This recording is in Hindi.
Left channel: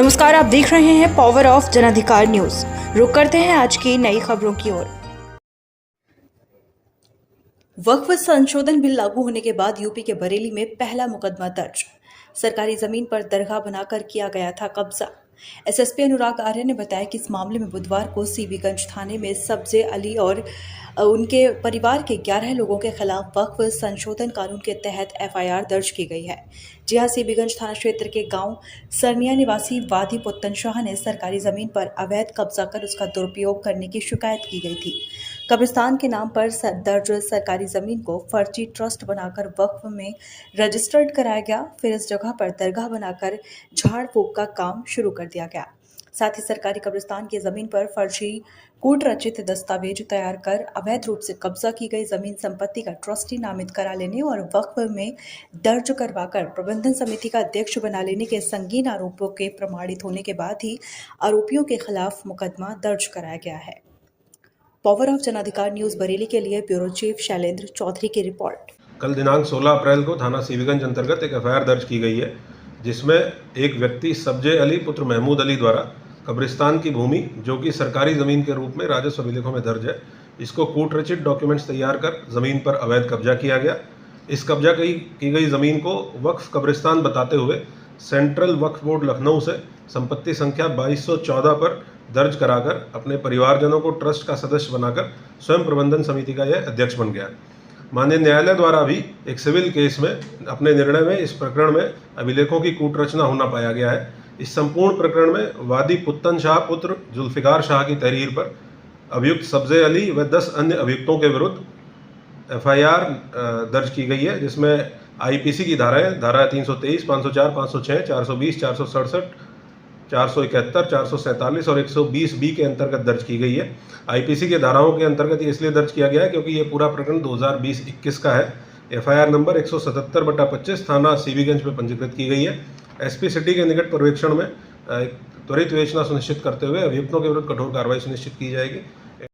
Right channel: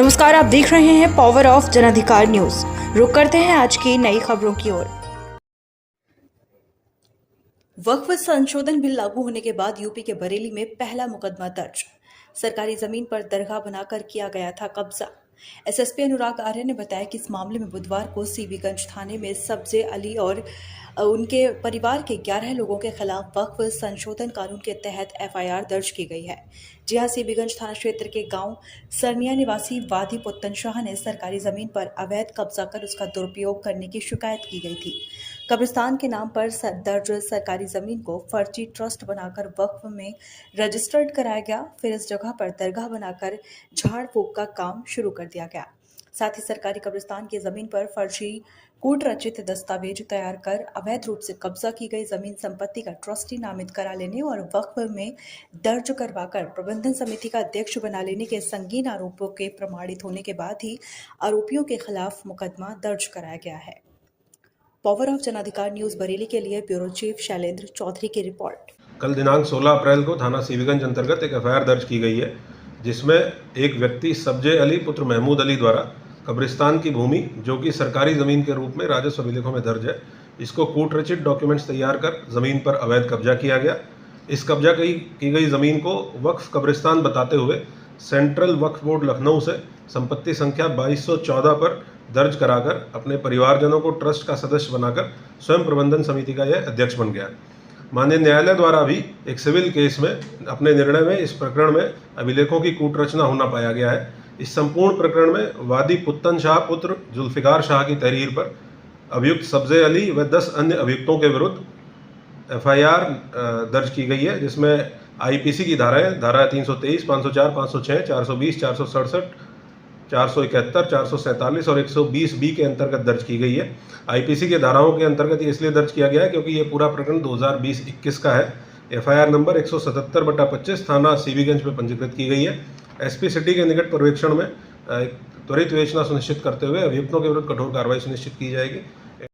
नमस्कार, आप देख रहे हैं पावर ऑफ जनाधिकार न्यूज। रुक करते हैं आज की नई खबरों की ओर। वक्फ संशोधन बिल लागू होने के बाद यूपी के बरेली में पहला मुकदमा दर्ज। सरकारी जमीन पर दरगाह बनाकर किया गया था कब्जा। एसएसपी अनुराग आर्य ने बताया कि इस मामले में बुधवार को सीबीगंज थाने में सब्जे अली और उनके परिवार के 11 लोगों के खिलाफ वक्फ संशोधन कानून के तहत एफआईआर दर्ज की गई है। जी हां, सीबीगंज थाना क्षेत्र के गांव सरनिया निवासी वादी पुत्तन शाह ने सरकारी जमीन पर अवैध कब्जा कर उसका दुरुपयोग करने की शिकायत की गई थी। कब्रिस्तान के नाम पर दर्ज सरकारी जमीन को फर्जी ट्रस्ट बनाकर वक्फ में रजिस्टर्ड कराया गया। फिर इस जगह पर दरगाह बनाकर झाड़ फूक का काम शुरू कर दिया गया। साथ ही सरकारी कब्रिस्तान की जमीन पर फर्जी कूट रचित दस्तावेज तैयार कर अवैध रूप से कब्जा की गई जमीन संपत्ति का ट्रस्टी नामित करा लेने और वक्फ में दर्ज करवाकर प्रबंधन समिति का अध्यक्ष बना लेने के संगीन आरोपों के प्रमाणित होने के बाद ही आरोपियों के खिलाफ मुकदमा दर्ज कराया गया है। Power of Janadhikar news Bareilly के लिए ब्यूरो चीफ शैलेंद्र चौधरी की रिपोर्ट। कल दिनांक 16 अप्रैल को थाना सीबीगंज अंतर्गत एक एफआईआर दर्ज की गई है, जिसमें एक व्यक्ति सब्जे अली पुत्र महमूद अली द्वारा कब्रिस्तान की भूमि, जो कि सरकारी ज़मीन के रूप में राजस्व अभिलेखों में दर्ज है, इसको कूटरचित डॉक्यूमेंट्स तैयार कर ज़मीन पर अवैध कब्जा किया गया। इस कब्जा की गई ज़मीन को वक्फ कब्रिस्तान बताते हुए सेंट्रल वक्फ बोर्ड लखनऊ से संपत्ति संख्या 2214 पर दर्ज कराकर अपने परिवारजनों को ट्रस्ट का सदस्य बनाकर स्वयं प्रबंधन समिति का यह अध्यक्ष बन गया। माननीय न्यायालय द्वारा भी एक सिविल केस में अपने निर्णय में इस प्रकरण में अभिलेखों की कूटरचना होना पाया गया है। इस संपूर्ण प्रकरण में वादी पुत्तन शाह पुत्र जुल्फिकार शाह की तहरीर पर अभियुक्त सब्जे अली व 10 अन्य अभियुक्तों के विरुद्ध एफआईआर दर्ज की गई है, जिसमें आईपीसी की धारा 323, 504, 506, 420, 467, 471, 447 और 120 बी के अंतर्गत दर्ज की गई है। आईपीसी के धाराओं के अंतर्गत ये इसलिए दर्ज किया गया है क्योंकि ये पूरा प्रकरण 2020-21 का है। एफआईआर नंबर 177/25 थाना सीबीगंज में पंजीकृत की गई है। एसपी सिटी के निकट पर्यवेक्षण में त्वरित विवेचना सुनिश्चित करते हुए अभियुक्तों के विरुद्ध कठोर कार्रवाई सुनिश्चित की जाएगी।